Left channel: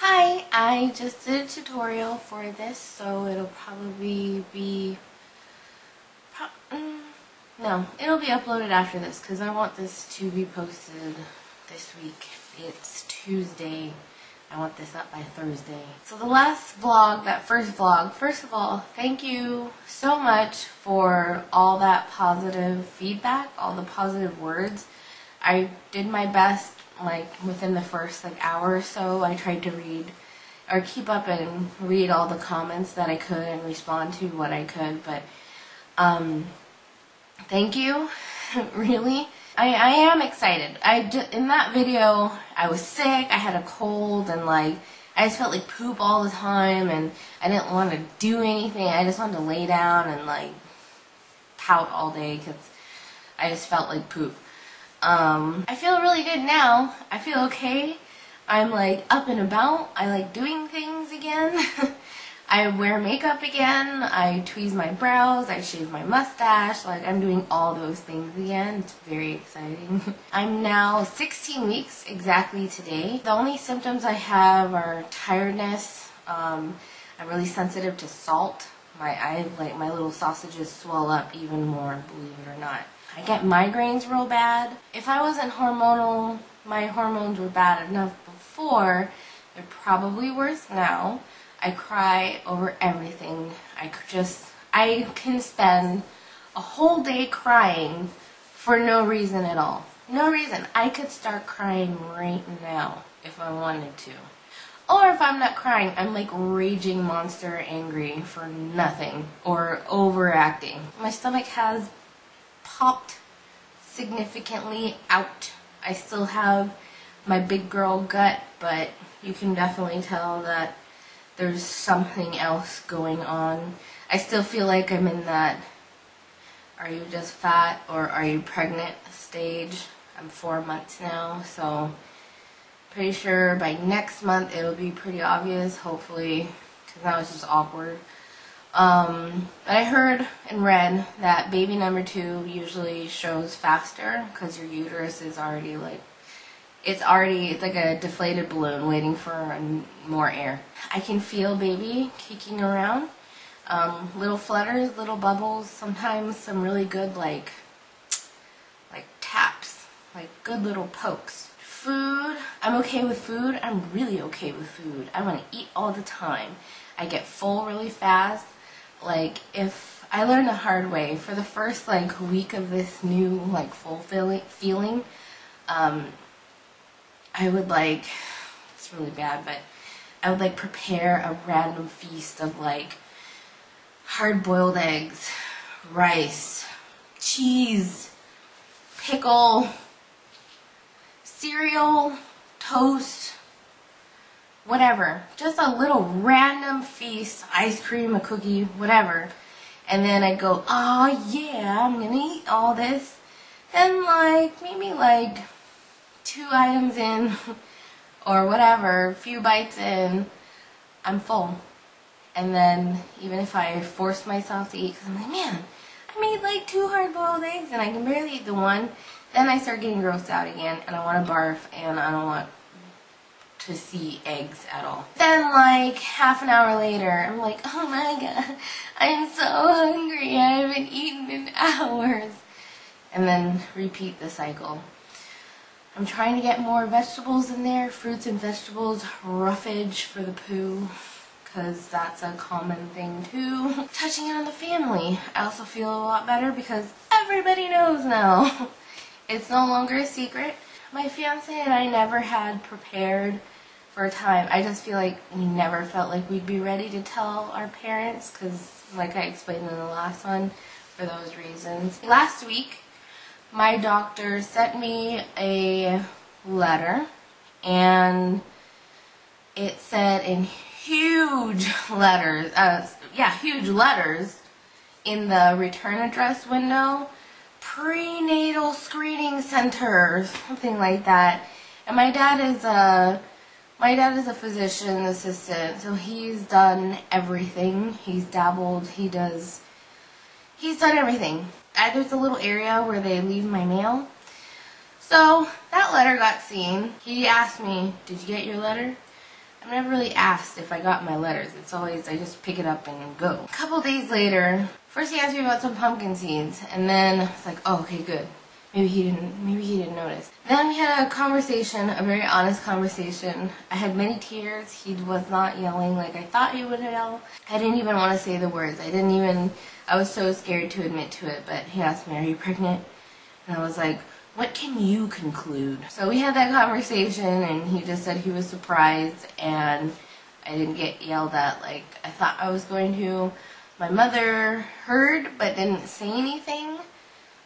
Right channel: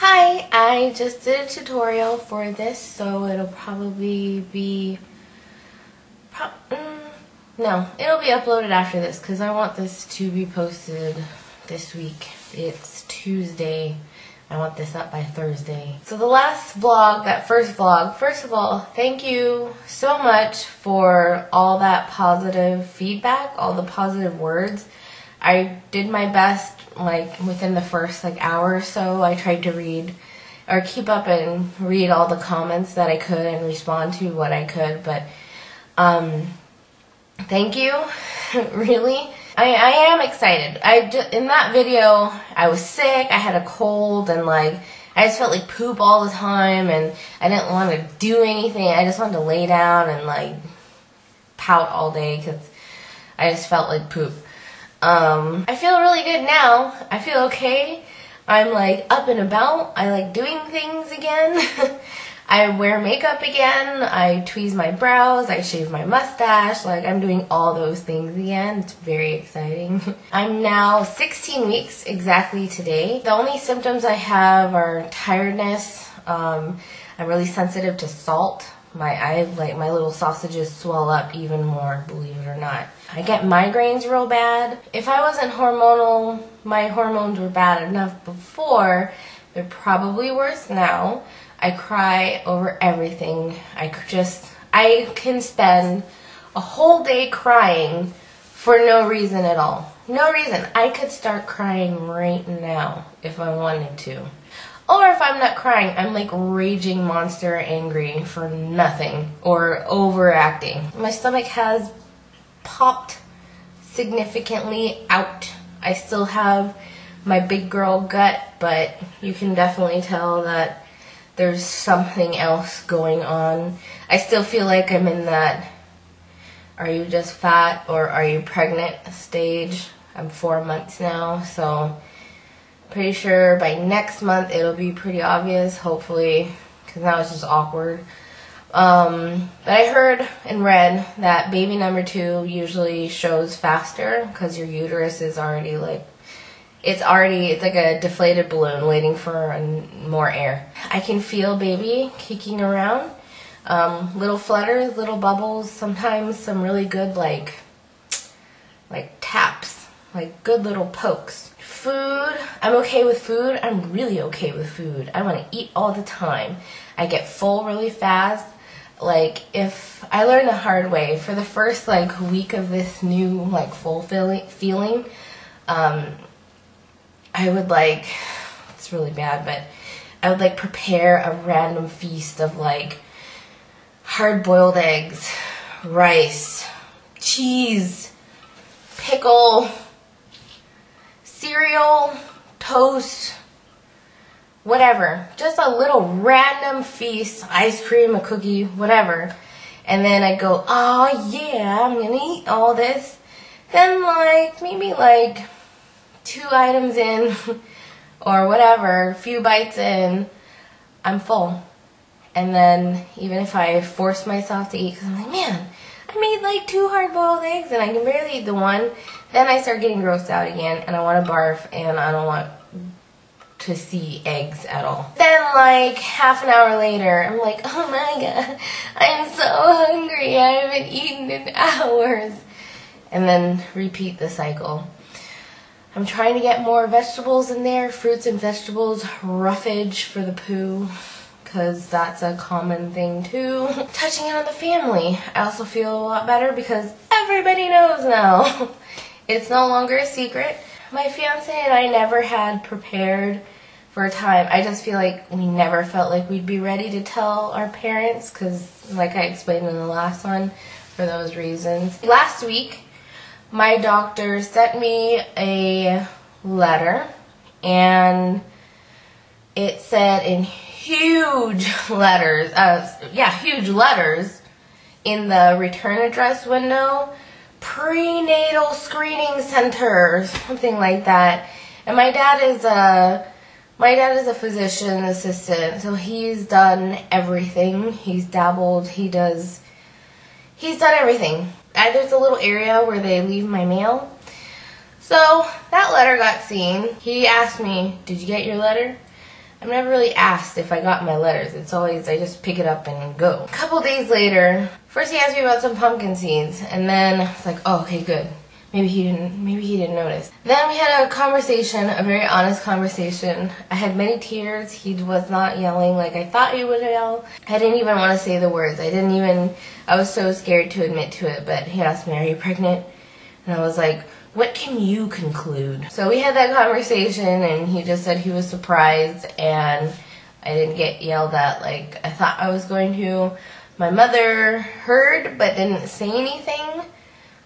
Hi, I just did a tutorial for this, so it'll probably be, no, it'll be uploaded after this because I want this to be posted this week. It's Tuesday. I want this up by Thursday. So the last vlog, that first vlog, first of all, thank you so much for all that positive feedback, all the positive words. I did my best, like, within the first, hour or so. I tried to read, or keep up and read all the comments that I could and respond to what I could, but, thank you, really. I am excited. In that video, I was sick, I had a cold, and, I just felt like poop all the time, and I didn't want to do anything. I just wanted to lay down and, pout all day, because I just felt like poop. I feel really good now. I feel okay. I'm up and about. I like doing things again. I wear makeup again. I tweeze my brows. I shave my mustache. I'm doing all those things again. It's very exciting. I'm now 16 weeks exactly today. The only symptoms I have are tiredness. I'm really sensitive to salt. My little sausages swell up even more, believe it or not. I get migraines real bad. If I wasn't hormonal, my hormones were bad enough before, they're probably worse now. I cry over everything. I can spend a whole day crying for no reason at all. No reason. I could start crying right now if I wanted to. Or if I'm not crying, I'm raging monster angry for nothing or overacting. My stomach has popped significantly out. I still have my big girl gut, but you can definitely tell that there's something else going on. I still feel like I'm in that are you just fat or are you pregnant stage. I'm 4 months now, so pretty sure by next month it'll be pretty obvious, hopefully, because now it's just awkward. But I heard and read that baby number 2 usually shows faster because your uterus is already it's like a deflated balloon waiting for more air. I can feel baby kicking around, little flutters, little bubbles, sometimes some really good taps, good little pokes. Food, I'm okay with food. I'm really okay with food. I want to eat all the time. I get full really fast. If I learned the hard way, for the first week of this new full feeling, I would it's really bad, but I would prepare a random feast of hard-boiled eggs, rice, cheese, pickle, cereal, toast, whatever. Just a little random feast, ice cream, a cookie, whatever. And then I'd go, oh yeah, I'm gonna eat all this. Then maybe 2 items in, or whatever, a few bites in, I'm full. And then even if I force myself to eat, because I'm man, I made 2 hard-boiled eggs and I can barely eat the one, then I start getting grossed out again and I want to barf and I don't want to see eggs at all. Then half an hour later, I'm oh my god, I am so hungry, I haven't eaten in hours. And then repeat the cycle. I'm trying to get more vegetables in there, fruits and vegetables, roughage for the poo, because that's a common thing too. Touching on the family. I also feel a lot better because everybody knows now. It's no longer a secret. My fiance and I never had prepared for a time. I just feel like we never felt like we'd be ready to tell our parents because, like I explained in the last one, for those reasons. Last week, my doctor sent me a letter and it said in huge letters in the return address window, prenatal screening center, something like that. And my dad is a physician assistant, so he's done everything. He's dabbled, he's done everything. There's a little area where they leave my mail. So that letter got seen. He asked me, did you get your letter? I'm never really asked if I got my letters. It's always, I just pick it up and go. A couple days later, first he asked me about some pumpkin seeds, and then it's like, oh, okay, good. Maybe he didn't notice. Then we had a conversation, a very honest conversation. I had many tears. He was not yelling like I thought he would yell. I didn't even want to say the words. I was so scared to admit to it, but he asked me, are you pregnant? And I was like, what can you conclude? So we had that conversation, and he just said he was surprised, and I didn't get yelled at like I thought I was going to. My mother heard but didn't say anything.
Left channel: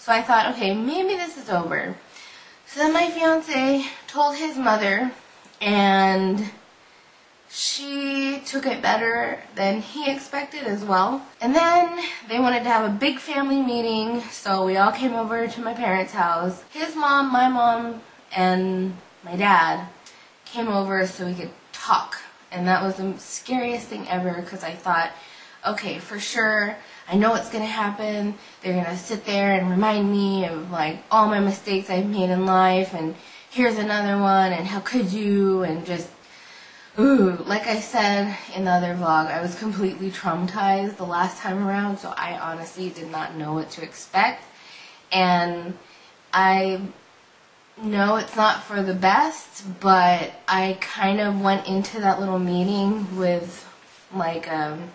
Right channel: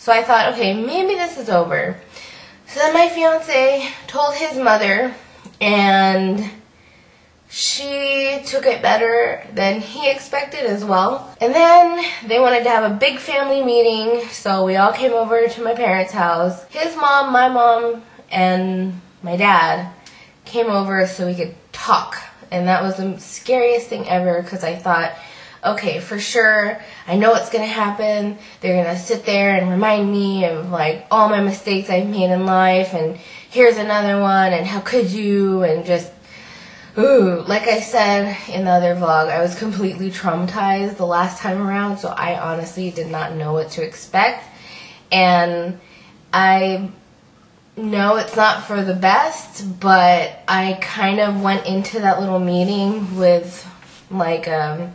So I thought, okay, maybe this is over. So then my fiance told his mother, and she took it better than he expected as well. And then they wanted to have a big family meeting, so we all came over to my parents' house. His mom, my mom, and my dad came over so we could talk. And that was the scariest thing ever, because I thought, okay, for sure, I know what's going to happen. They're going to sit there and remind me of like all my mistakes I've made in life, and here's another one, and how could you, and just, ooh, like I said in the other vlog, I was completely traumatized the last time around, so I honestly did not know what to expect. And I know it's not for the best, but I kind of went into that little meeting with like a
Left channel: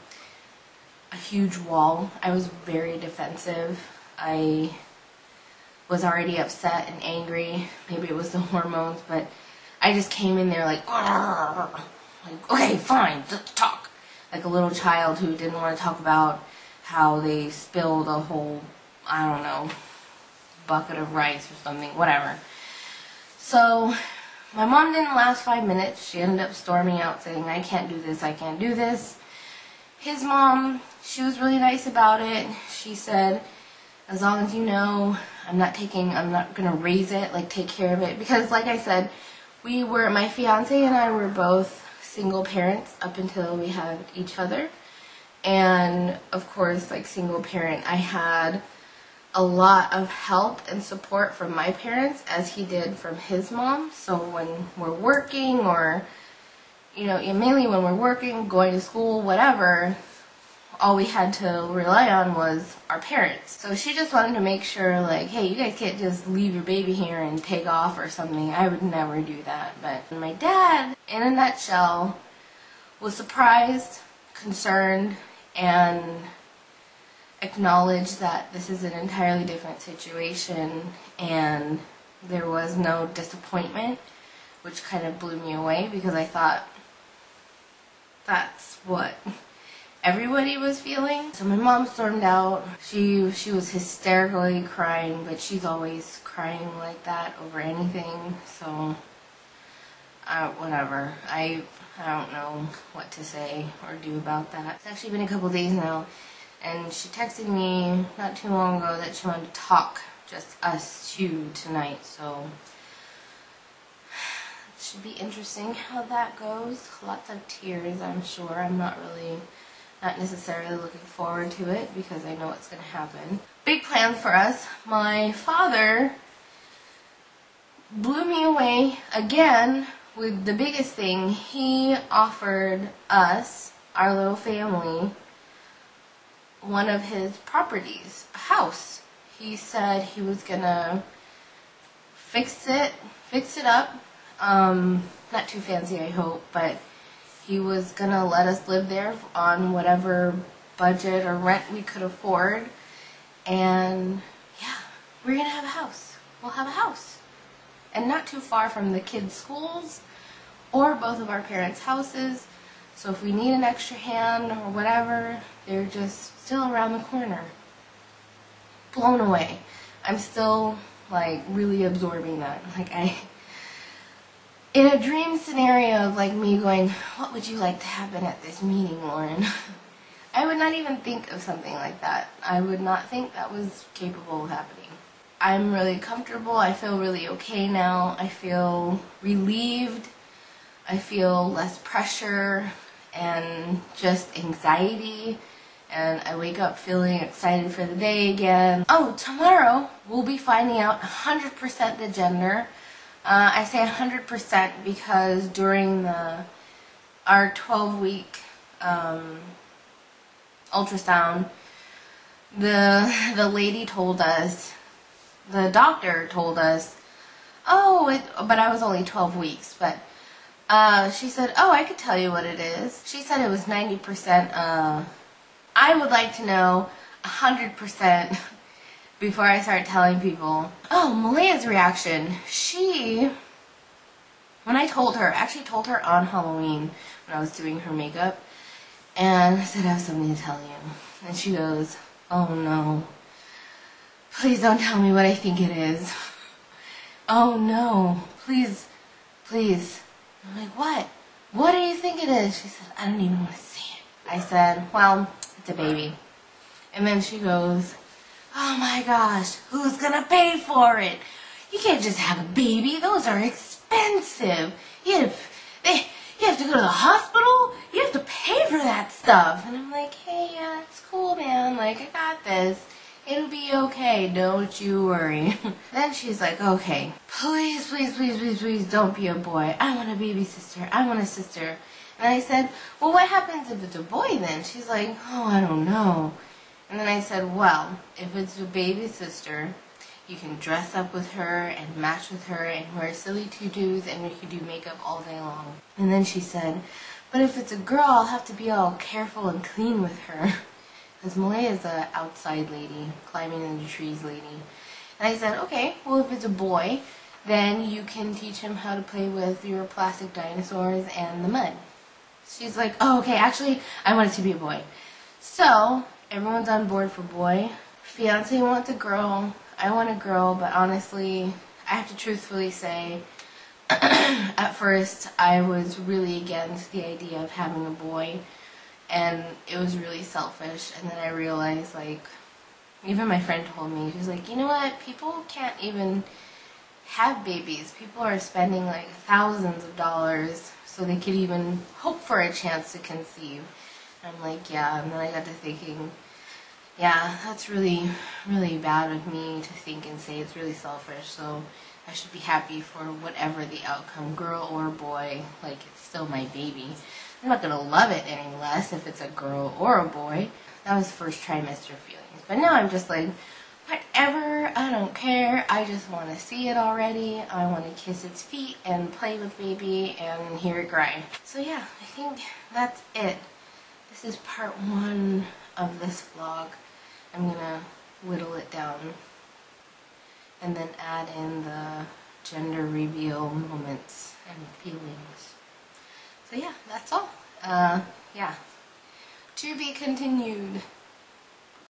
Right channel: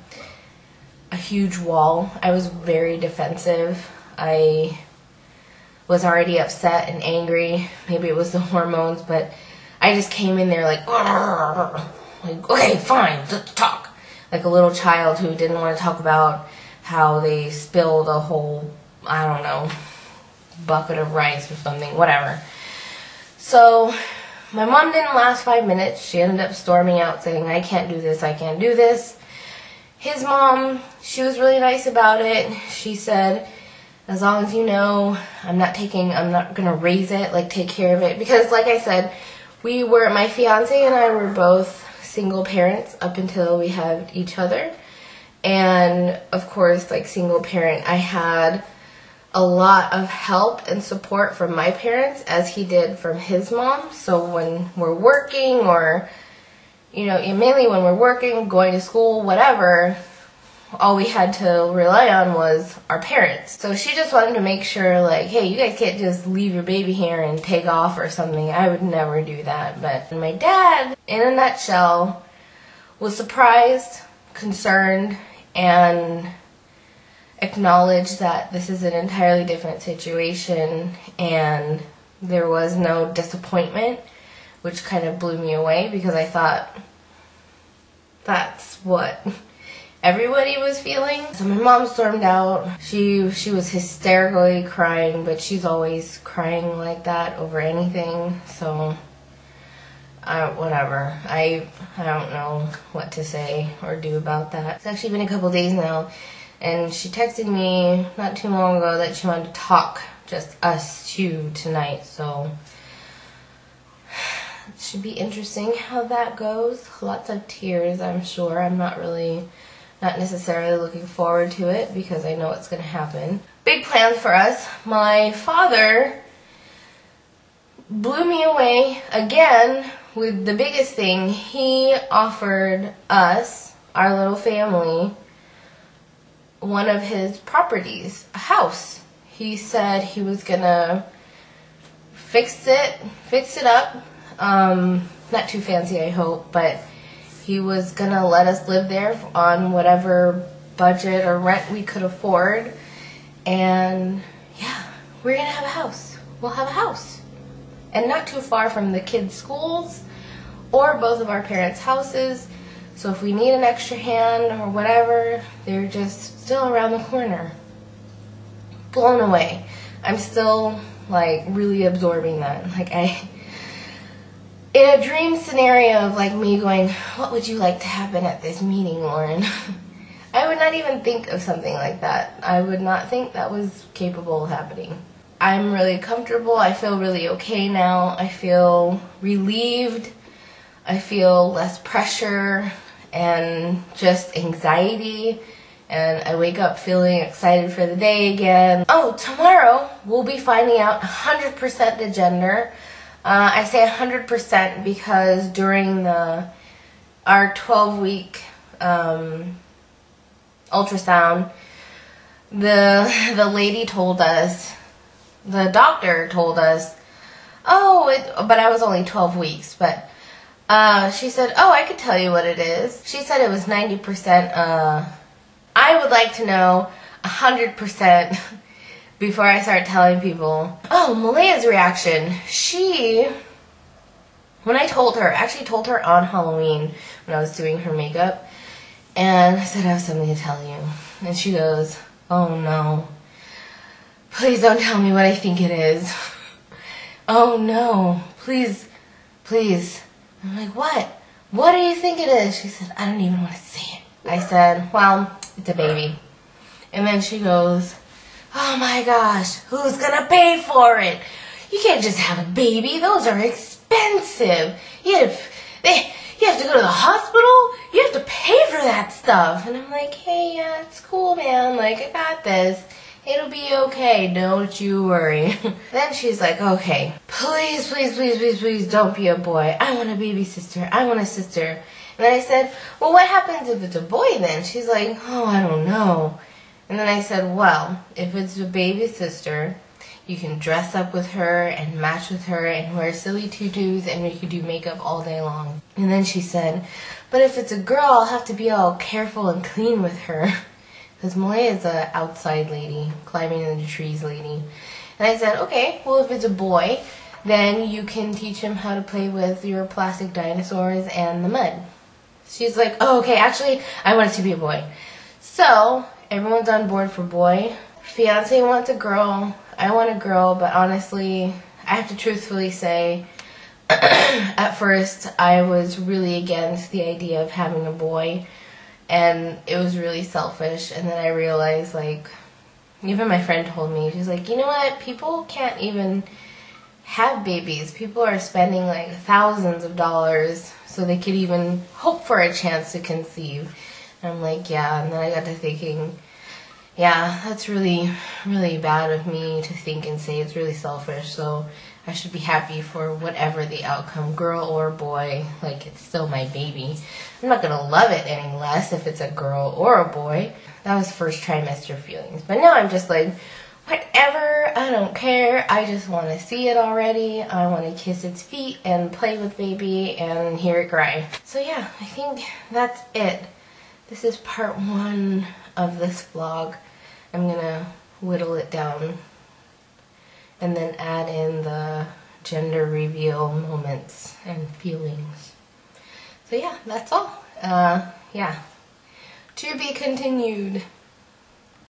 huge wall. I was very defensive. I was already upset and angry. Maybe it was the hormones, but I just came in there like, okay, fine, let's talk. Like a little child who didn't want to talk about how they spilled a whole, I don't know, bucket of rice or something, whatever. So my mom didn't last 5 minutes. She ended up storming out saying, I can't do this, I can't do this. His mom, she was really nice about it. She said, as long as you know, I'm not going to raise it, like take care of it. Because like I said, my fiance and I were both single parents up until we had each other. And of course, like single parent, I had a lot of help and support from my parents as he did from his mom. So when we're working, or you know, mainly when we're working, going to school, whatever, all we had to rely on was our parents. So she just wanted to make sure, like, hey, you guys can't just leave your baby here and take off or something. I would never do that. But my dad, in a nutshell, was surprised, concerned, and acknowledged that this is an entirely different situation, and there was no disappointment, which kind of blew me away, because I thought that's what everybody was feeling. So my mom stormed out. She was hysterically crying, but she's always crying like that over anything. So whatever. I don't know what to say or do about that. It's actually been a couple days now, and she texted me not too long ago that she wanted to talk, just us two tonight. So it should be interesting how that goes. Lots of tears, I'm sure. I'm not necessarily looking forward to it, because I know what's going to happen. Big plans for us. My father blew me away again with the biggest thing. He offered us, our little family, one of his properties, a house. He said he was going to fix it up. Not too fancy, I hope, but he was gonna let us live there on whatever budget or rent we could afford. And yeah, we're gonna have a house. We'll have a house. And not too far from the kids' schools or both of our parents' houses. So if we need an extra hand or whatever, they're just still around the corner. Blown away. I'm still like really absorbing that. Like in a dream scenario of like me going, what would you like to happen at this meeting, Lauren? I would not even think of something like that. I would not think that was capable of happening. I'm really comfortable. I feel really okay now. I feel relieved. I feel less pressure and just anxiety. And I wake up feeling excited for the day again. Oh, tomorrow we'll be finding out 100% the gender. I say 100% because during the our 12-week ultrasound, the lady told us, the doctor told us, but I was only 12 weeks, but she said, oh, I could tell you what it is. She said it was 90%. I would like to know 100% before I start telling people. Oh, Malaya's reaction. When I told her, actually told her on Halloween when I was doing her makeup, and I said, I have something to tell you. And she goes, oh no, please don't tell me what I think it is. Oh no, please, please. I'm like, what? What do you think it is? She said, I don't even want to say it. I said, well, it's a baby. And then she goes, oh my gosh, who's gonna pay for it? You can't just have a baby. Those are expensive. You have to go to the hospital. You have to pay for that stuff. And I'm like, hey, yeah, it's cool, man. Like, I got this. It'll be okay. Don't you worry. Then she's like, okay, please, please, please, please, please don't be a boy. I want a baby sister. I want a sister. And then I said, well, what happens if it's a boy then? She's like, oh, I don't know. And then I said, well, if it's a baby sister, you can dress up with her and match with her and wear silly tutus and we can do makeup all day long. And then she said, but if it's a girl, I'll have to be all careful and clean with her. Because Malaya is an outside lady, climbing in the trees lady. And I said, okay, well if it's a boy, then you can teach him how to play with your plastic dinosaurs and the mud. She's like, oh, okay, actually, I want it to be a boy. So, everyone's on board for boy. Fiance wants a girl. I want a girl, but honestly, I have to truthfully say, at first, I was really against the idea of having a boy. And it was really selfish. And then I realized, like, even my friend told me, she's like, you know what? People can't even have babies. People are spending like thousands of dollars so they could even hope for a chance to conceive. And I'm like, yeah. And then I got to thinking, yeah, that's really, really bad of me to think and say. It's really selfish. So I should be happy for whatever the outcome, girl or boy. Like, it's still my baby. I'm not going to love it any less if it's a girl or a boy. That was first trimester feelings. But now I'm just like, whatever, I don't care. I just want to see it already. I want to kiss its feet and play with baby and hear it cry. So yeah, I think that's it. This is part 1 of this vlog. I'm going to whittle it down and then add in the gender reveal moments and feelings. So yeah, that's all. Yeah. To be continued.